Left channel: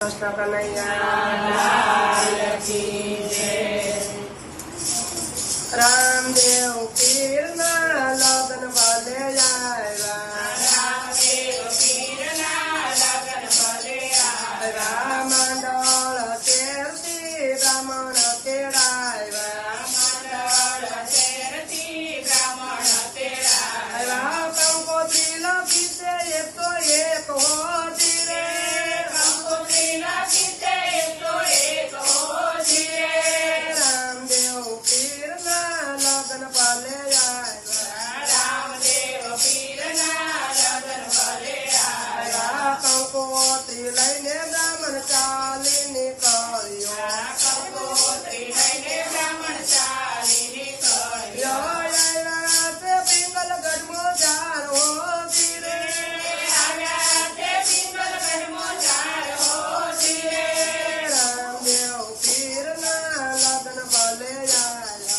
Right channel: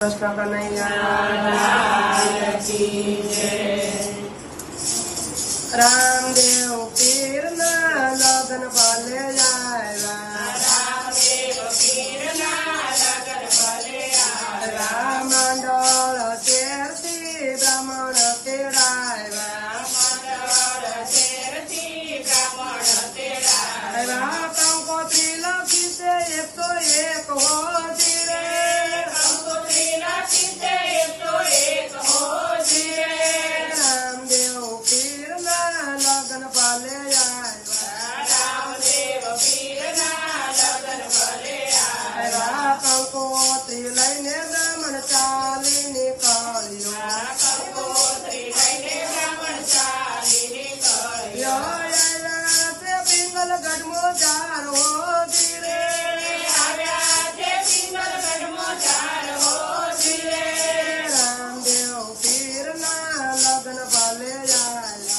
कृष्ण कन्हैया रामदेव पीर ना लगन भले आएगा रामंडल तीर्थी ब्राह्मण तेराएगा कंकोत्री लकी से एक तो एक हो जीरे रामदेव पीर ना लगन भले आएगा कंकोत्री लईने ब्राह्मण चाली निकलियो से पिंगल गढ़मो जार हो धीरे रामदेव पीर ना लगन भले आएगा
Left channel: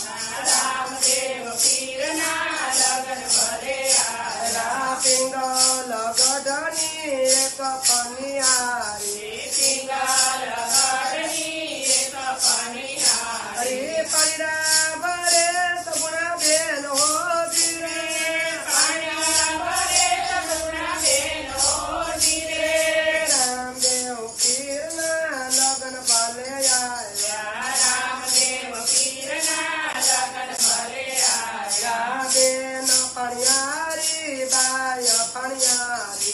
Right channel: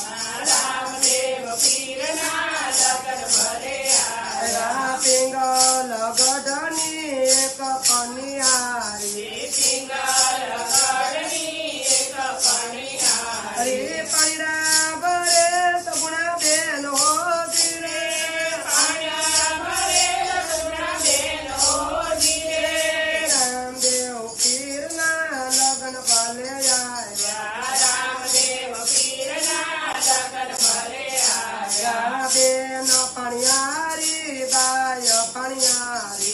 पिंगल गढ़नी एक पनियारी अरे परिरा बरे सगुना बेन हो रामदेव पीर ना लगन भले आएगा बेन पनियारी बाय पनियारी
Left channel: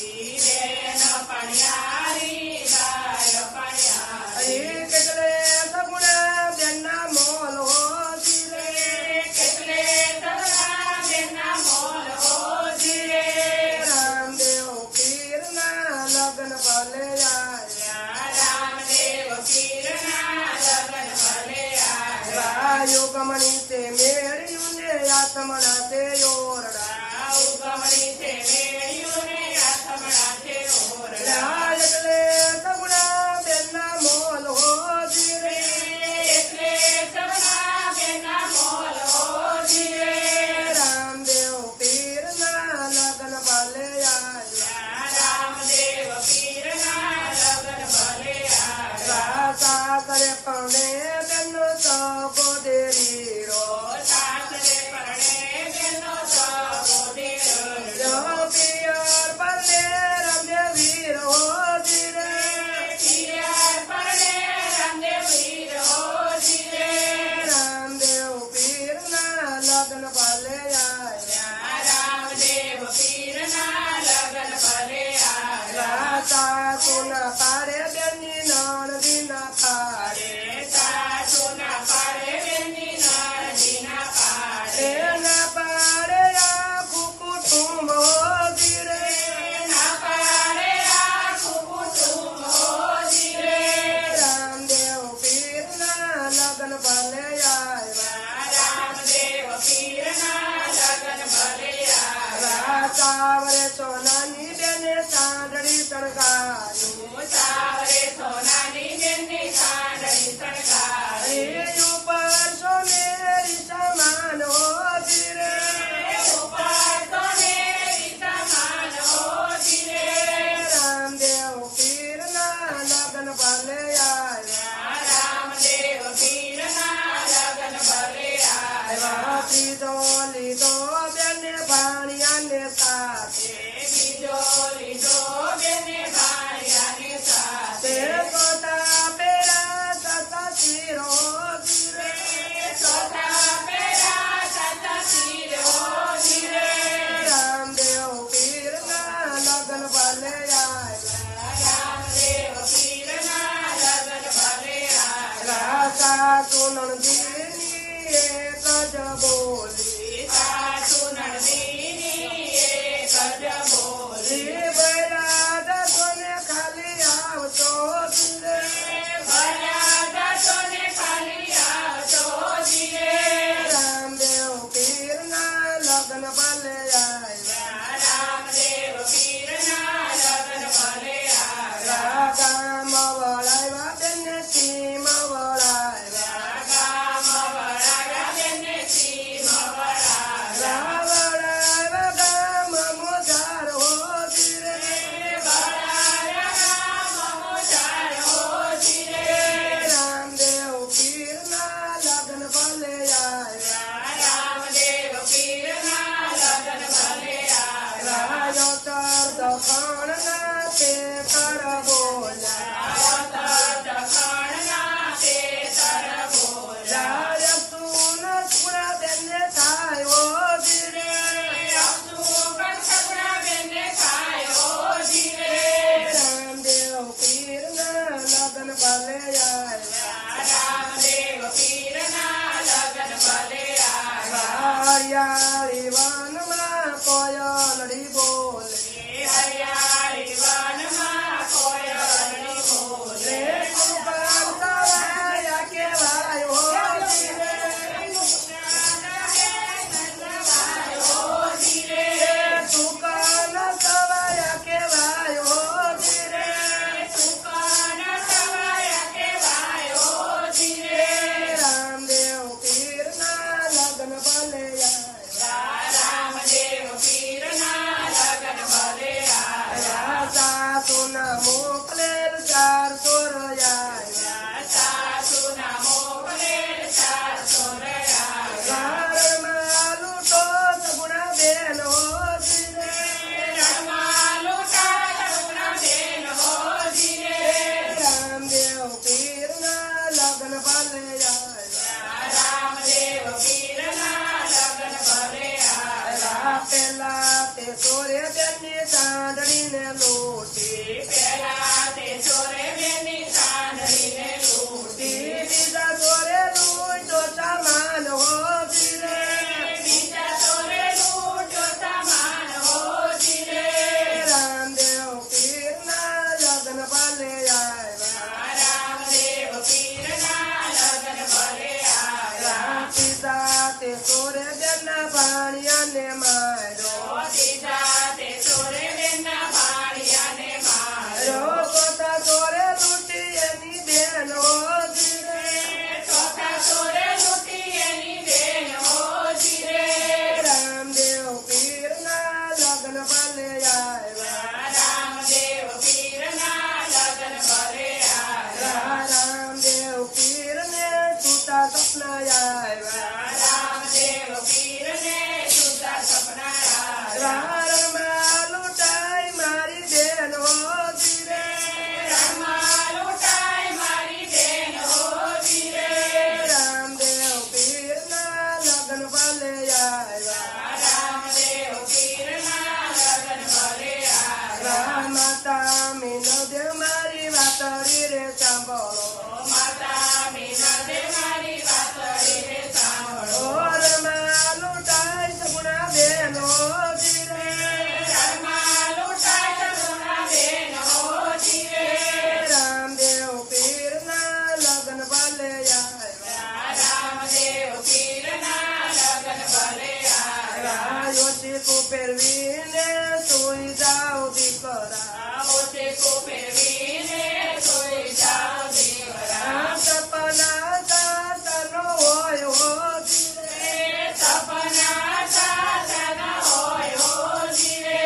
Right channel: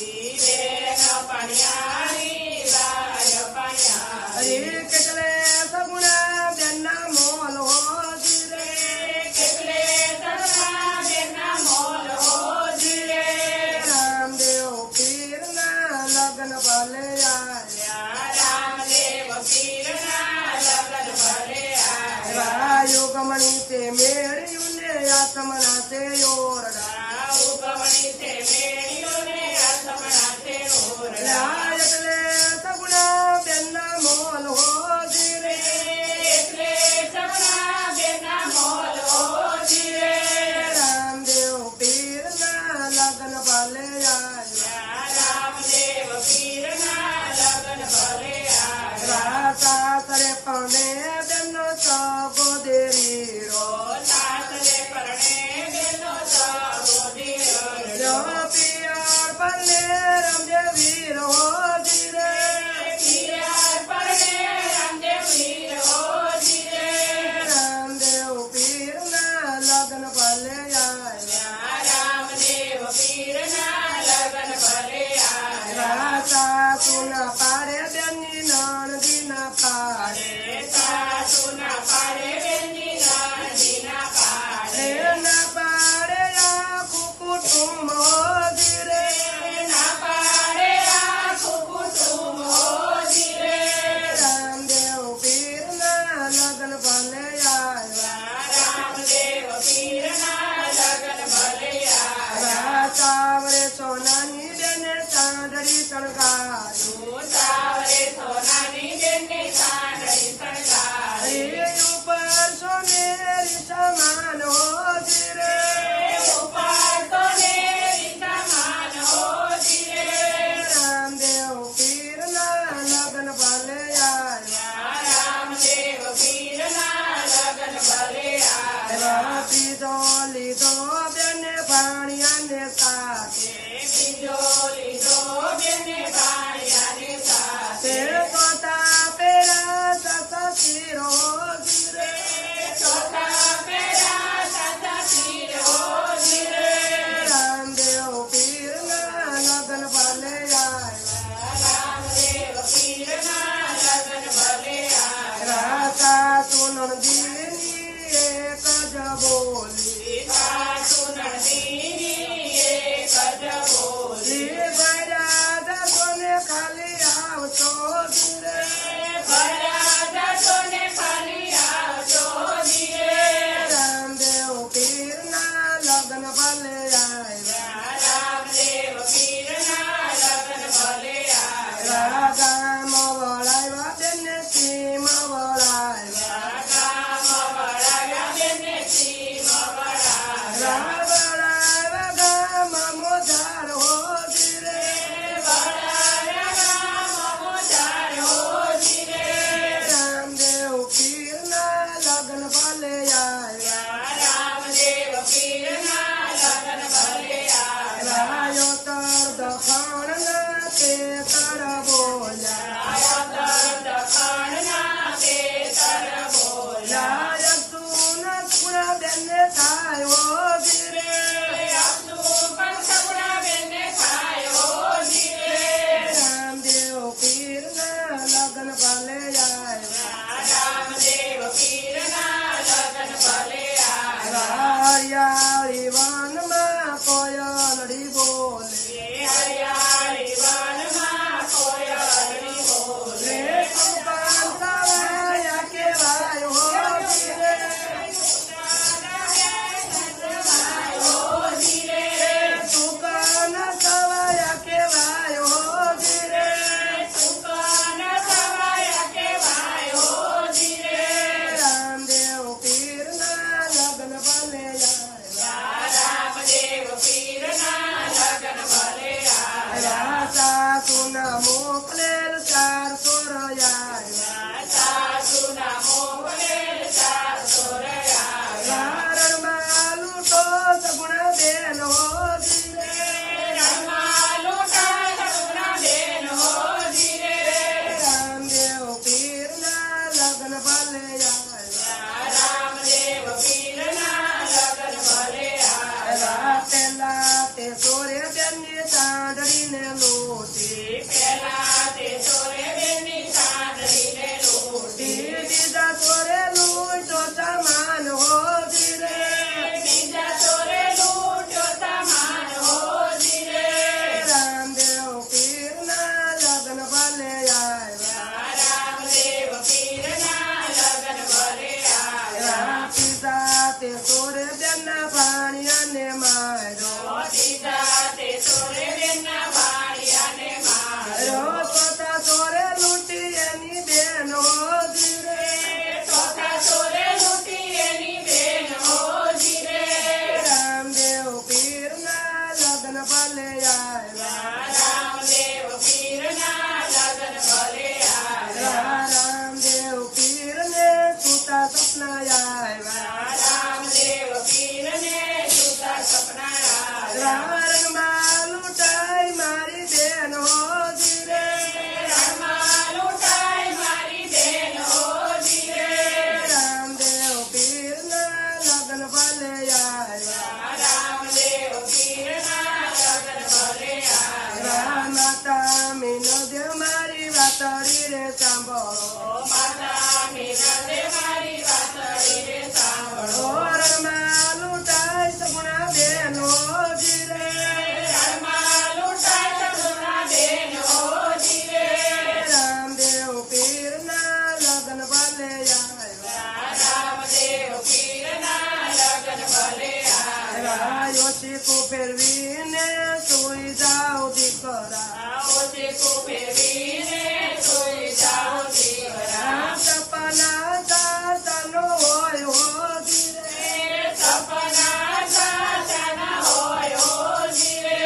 अरे केटले सगुना बेना मोल हो रामदेव पीर ना लगन भले आएगा योगमणि से मेरी उन्हें आत्मना से योरना लायकले सगुना बेना मोल हो धीरे रामदेव पीर ना लगन भले सासरे पौने बेनो सबो देरी रो पियर परले रामदेव वीर हो धीरे रामदेव पीर ना लगन भले आएगा सुना पारे बेनी नन दिना पारे न पारे या कुकुटुम हो धीरे रामदेव पीर ना लगन भले आएगा सावरे सोनानी बेने सांडड़ी सड़गारू ऊपर सोनेरी समान हो धीरे रामदेव पीर ना लगन भले आएगा त्रिजोली दो बेने भाणिया ने साथे कोता पेरा सता सिरो धीरे रामदेव पीर ना लगन भले आएगा सुनन दीनी एक जबोली बराज सोने खाली आव तो रामदेव पीर ना लगन भले आएगा गाम बड़ाइवा बेने सीमा बड़ाइवा बड़ाइवा गाम मोजार हो धीरे સાંભળો માતા બિરાજે મારી વાતડીને સાંભળો રણમાં લૂંટાય સગુણા બેનો જીરે ઘરમાં લૂંટાય સગુણા બેનો જીવે રામદેવ પીરના લગ્ન ભલે આવ્યા રામદેવ પીરના લગ્ન ભલે આવ્યા યોશીકુ ફેરવીને સુઈ જાઓ દીકરા ઓશીકુ ફેરવીને સુઈ જાઓ દીકરા સપના સાસનો હોય હો જીરે સપના સાસના હોય હો જીવે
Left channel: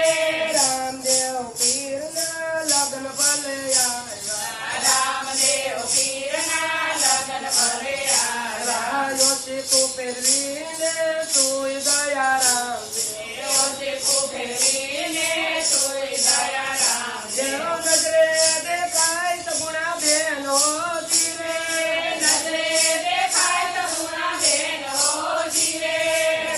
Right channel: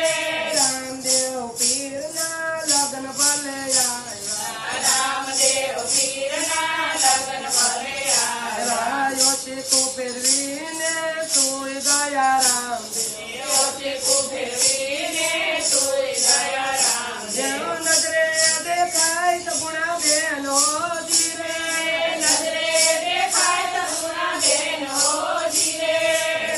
રામદેવ પીરના લગ્ન ભલે આવ્યા રામદેવ પીરના લગ્ન ભલે આવ્યા યોશીકુ ફેરવીને સુઈ ગયા રામદેવ ઓશીકુ ફેરવીને સુઈ ગયા રામ જેનો નજરે દેખાય સગુણા બેનો જીરે નજરે દેખાય સગુણા બેનો જીવે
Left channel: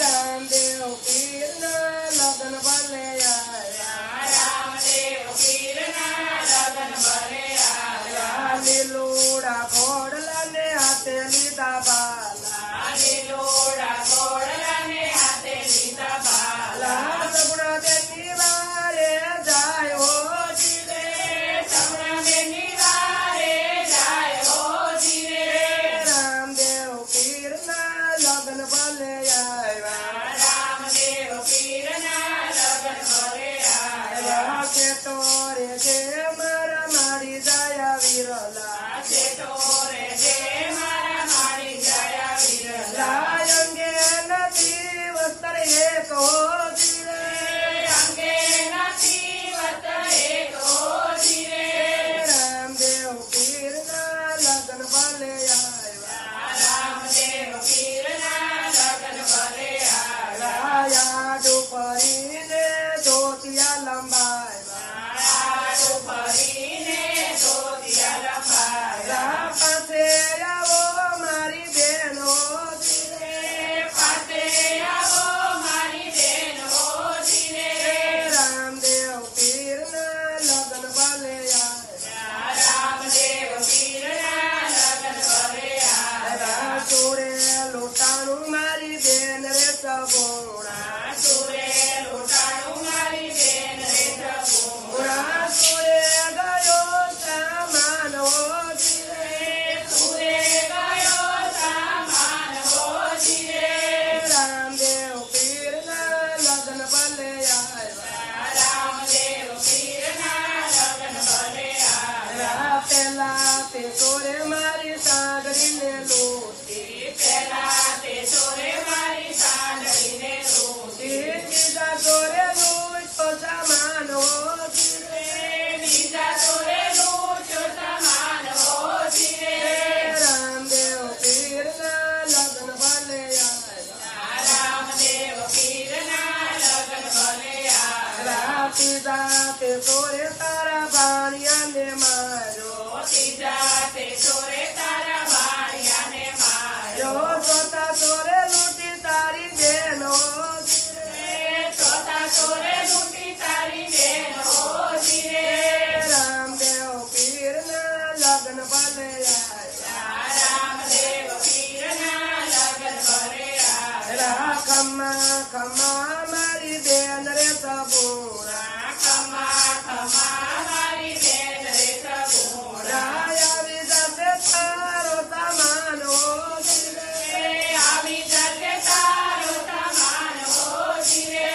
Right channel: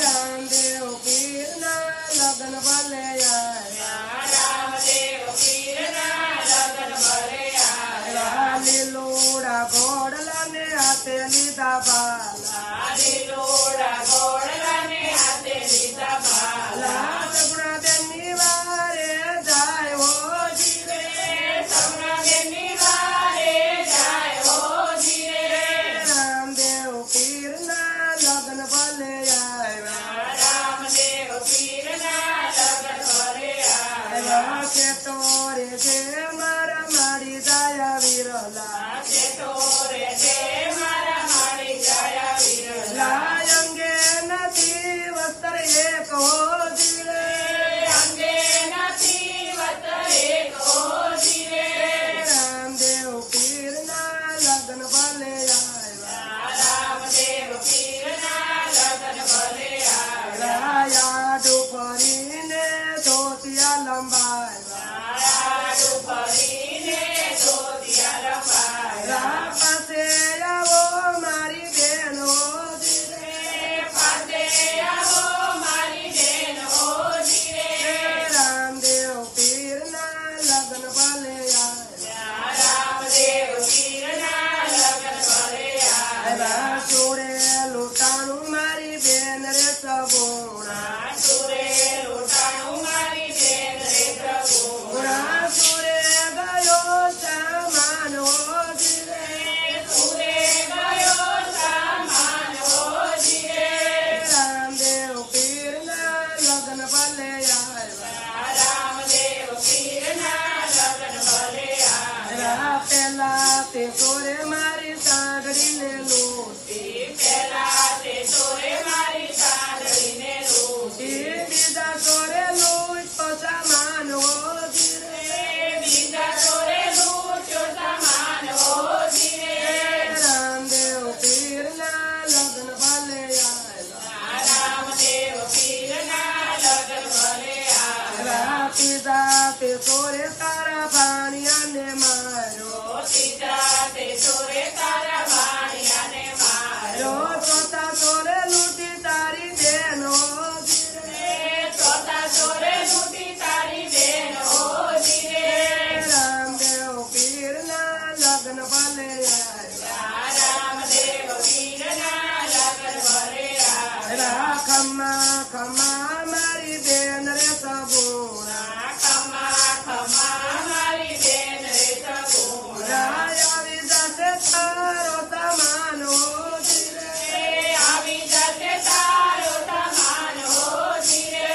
રામદેવ પીરના લગ્ન ભલે આવ્યા રામદેવ પીરના લગ્ન ભલે આવ્યા લીલુડા ઘોડલાને હાથે લીધા બાલા લીલોડા ઘોડલાને હાથે લીધા બાલા સગુણા બેનની વારે જાય હો જીરે સપનાની વારે જાય હો જીવે રામદેવ પીરના લગ્ન ભલે આવ્યા રામદેવ પીરના લગ્ન ભલે આવ્યા તોરે જે મારા મારી જાય વિરલા ટોરે જે મારા મારી ગયા વિરલા અંગે નથી વસ્ત્ર એક હો જીરે અંગે નથી વતરે કો જીવે રામદેવ પીરના લગ્ન ભલે આવ્યા રામદેવ પીરના લગ્ન ભલે આવ્યા યાદુ ફરીને ધોતિયા લંબાવ્યા આડું ફરીને ધોતિયા લંબાવ્યા રામ પાસે આવો મારી બેનો જીરે પાસે આવો મારી બેનો જીવે રામદેવ પીરના લગ્ન ભલે આવ્યા રામદેવ પીરના લગ્ન ભલે આવ્યા ચોરે લૂંટાણું મારી બેન રે સગુણા સુરે લૂંટાણું મારી બેન રે પ્રભુ ગુણા ચોરે ગયો સામાન હો જીરે સુરે ગયો સામાન હો જીવે રામદેવ પીરના લગ્ન ભલે આવ્યા રામદેવ પીરના લગ્ન ભલે આવ્યા પેલા તે ચોરે મારી સાંગડીને લૂંટી પેલા તે ચોરે મારી સાંડળીને લૂંટી બીજા ચોરે લૂંટતો સામાન હો જીરે બીજા ચોરે લૂંટ્યો સામાન હો જીવે રામદેવ પીરના લગ્ન ભલે આવ્યા રામદેવ પીરના લગ્ન ભલે આવ્યા પીધા તે ચોરે તારા ભાણિયાને માર્યો સીધા તે ચોરે તારા વાણિયાને માર્યો ચોથા ચોરે લૂંટી તારી બેનો જીરે ચોથા ચોરે લૂંટી તારી બેનો જીવે રામદેવ પીરના લગ્ન ભલે આવ્યા રામદેવ પીરના લગ્ન ભલે આવ્યા ખમ્મા ખમ્મા મારી બેન રે સગુણા ખમા ખમા મારી બેન રે પ્રભુ આવી જશે તારો સામાન હો જીરે આવી જશે તારો સમાન હો જીવે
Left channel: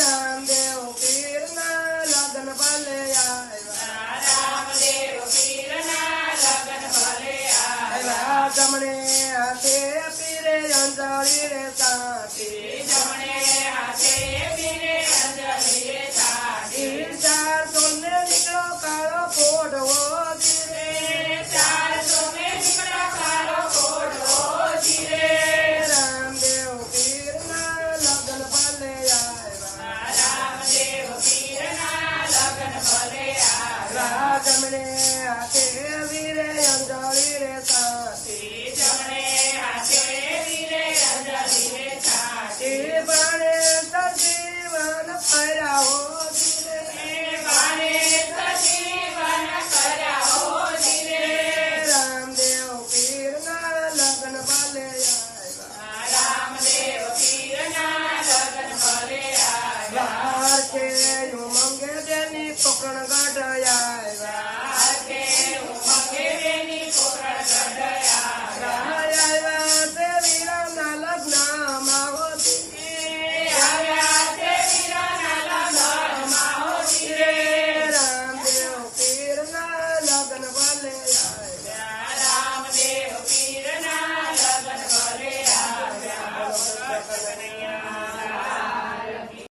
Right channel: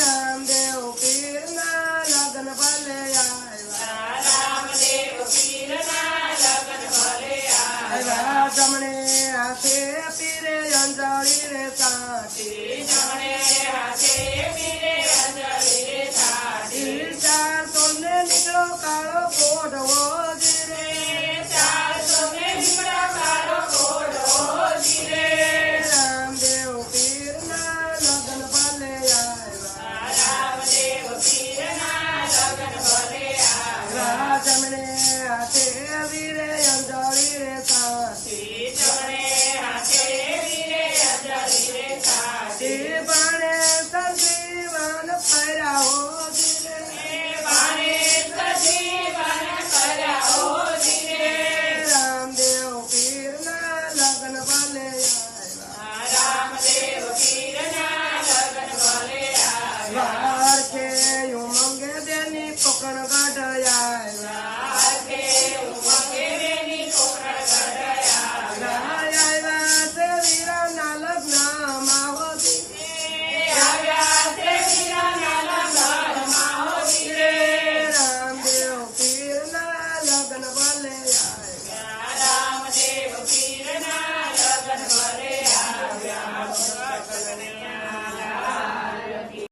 રામદેવ પીરના લગ્ન ભલે આવ્યા રામદેવ પીરના લગ્ન ભલે આવ્યા જમણે હાથે પીરે અંજળી રે સાથી જમણે હાથે પીરે અંજલિ રે સાડી ચાર સોને નીકળો કાળો પોઢવો જીરે ચાર સોને દીકરો કારો ઘોડો જીવે રામદેવ પીરના લગ્ન ભલે આવ્યા રામદેવ પીરના લગ્ન ભલે આવ્યા જમણે હાથે વીરે અંજળી રે સાથી જમણે હાથે પીરે અંજલિ રે સાડી બાણે સંજીવન ફર્યા હો જીરે બાને સજીવન કર્યા હો જીવે હરખે ઉમંગે દેની કોકણ ગાઢ આવ્યા હરખે